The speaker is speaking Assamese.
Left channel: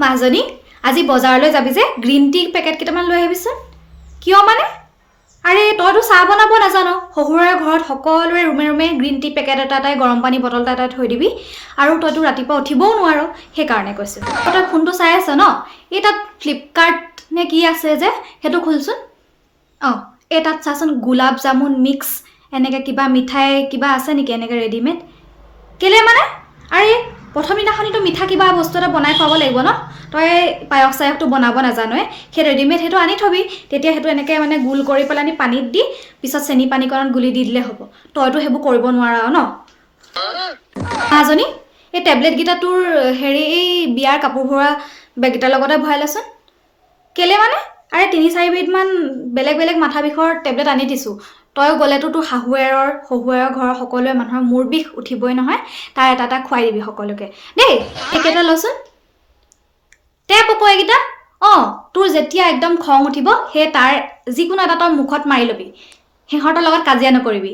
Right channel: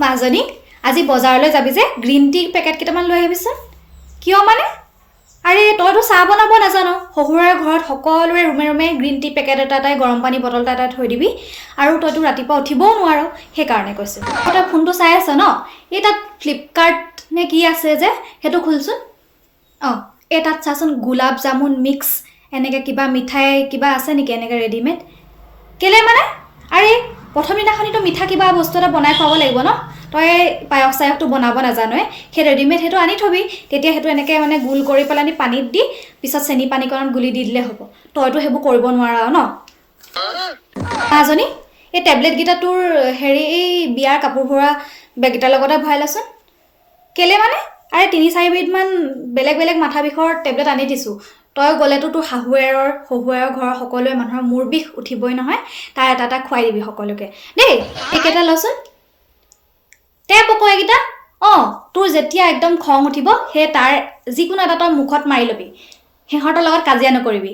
মাজনী আজি বজাৰলৈ যাবি যে গ্ৰীণ টি পেকেট কেইটামান লৈ আহিবিচোন কিয় মানে আৰে তইতো চাহ বনাব নাজানো শহুৰৰ ঘৰত সকলোৰে ৰুমে ৰুমে গ্ৰীণ টি পেকেট এটাই গৰম পানী বটল এটা থৈ দিবি আৰু তইতো ৰাতিপুৱা উঠিবও নোৱাৰ সেইকাৰণে কৈছো তই ফোনটো চাই আছ ন এই তাত ফ্লিপকাৰ্ট নে কি আছে যে সেইটো খুলচোন এই তাত চাচোন গোলাপ জামুন মিক্স এনেকৈ কিবা মিঠাই কিবা আছে নেকি এনেকৈ ৰেডিমেড কেলে মানে আৰে প্ৰথম দিনাখনিতো মিঠা কিবা বস্তু এটা বনাই খুৱাব লাগিব ন তই পায়স চায়সটো বনাব নাজানোৱে সেই ৰেডিমেড সেইটো আনি থবি তেতিয়া সেইটো এনেকৈ মানে গোল কৰি পেলাই পানীত দি পিছত চেনি পানীকণত গুলি দি দিলে হ'ব তইতো সেইবোৰ কৰিব নোৱাৰ ন মাজনী এই টেবলেটকেইটা তোৰ হেৰি এই বিয়াৰ কাপোৰ ভৰোৱা বেগকেইটাৰ লগতে ভৰাই লচোন কেলে মানে আৰে ৩-৪ বিধমান বেলেগ বেলেগ মাথা বিষৰ টেবলেট আনি দিছোঁ তই গ'লেতো তোৰ শহুৰৰ ঘৰৰ সকলোৱে মানুহৰ মূৰ বিষ উঠিবই নহয় তাৰ এটা এটা খুৱাই দিবি সকলোকে দেই এইকেইটা লচোন টেপ আকৌ এইকেইটা তোৰ যেতিয়া একদম খং উঠিব সেই তাৰ যিকোনো এটা তই মুখত মাৰি ল'বি সিহঁতৰ লগত কাজিয়া নকৰিবি